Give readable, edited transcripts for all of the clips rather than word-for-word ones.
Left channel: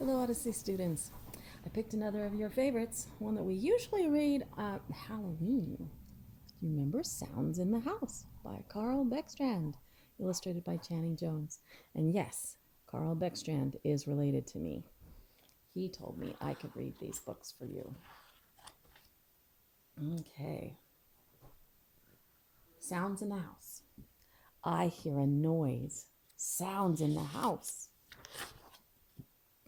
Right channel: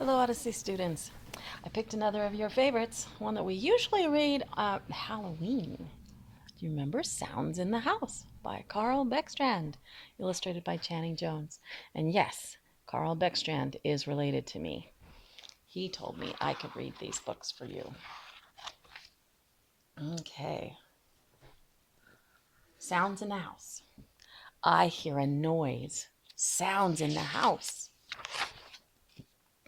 Hello, Odyssey students. I picked another of your favorites, one that we usually read at Halloween. Do you remember Sounds in the House by Karl Beckstrand, illustrated by Channing Jones? And yes, Karl Beckstrand is related to me. He told me I could read these books for you. Okay. Sounds in the house. I hear a noise. Sounds in the house.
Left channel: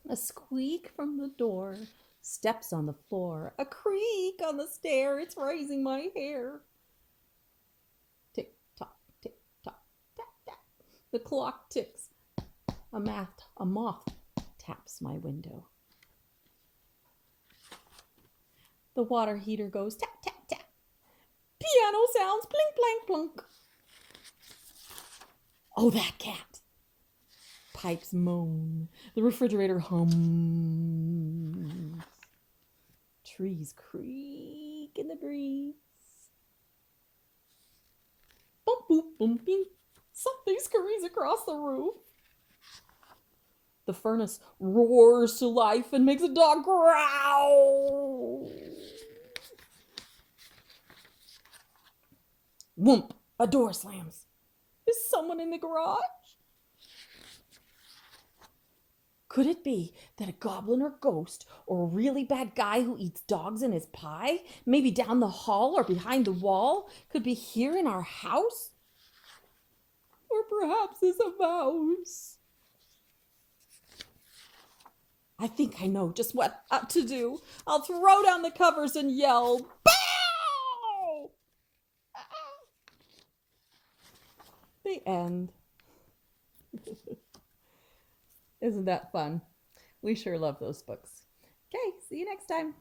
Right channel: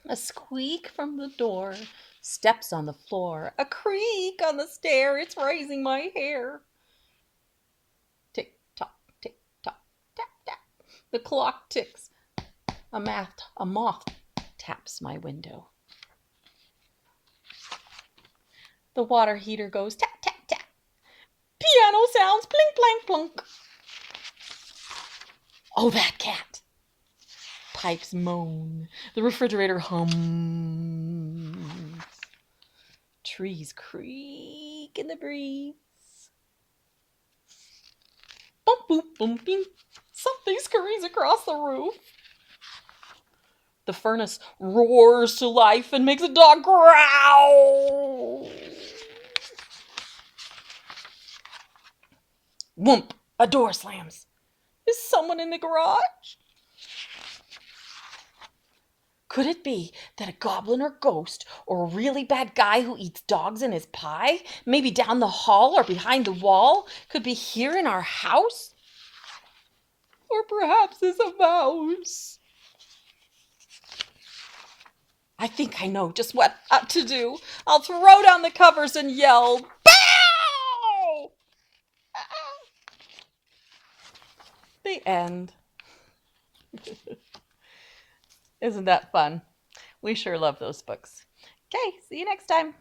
A squeak from the door, steps on the floor, a creak on the stair, it's raising my hair. Tick tock, tap, tap. The clock ticks. A moth taps my window. The water heater goes tap, tap, tap. Piano sounds blink, blank, plunk. Oh, that cat. Pipes moan. The refrigerator hums. Trees creak in the breeze. Bump, boop, boom, bing. Something scurries across the roof. The furnace roars to life and makes a dog growl. Whoomp! A door slams. Is someone in the garage? Could it be that a goblin or ghost or a really bad guy who eats dogs in his pie, maybe down the hall or behind the wall, could be here in our house? Or perhaps it's a mouse. I think I know just what to do. I'll throw down the covers and yell, "Bow!" The end. Isn't that fun? We sure love those books. Okay, see you next time.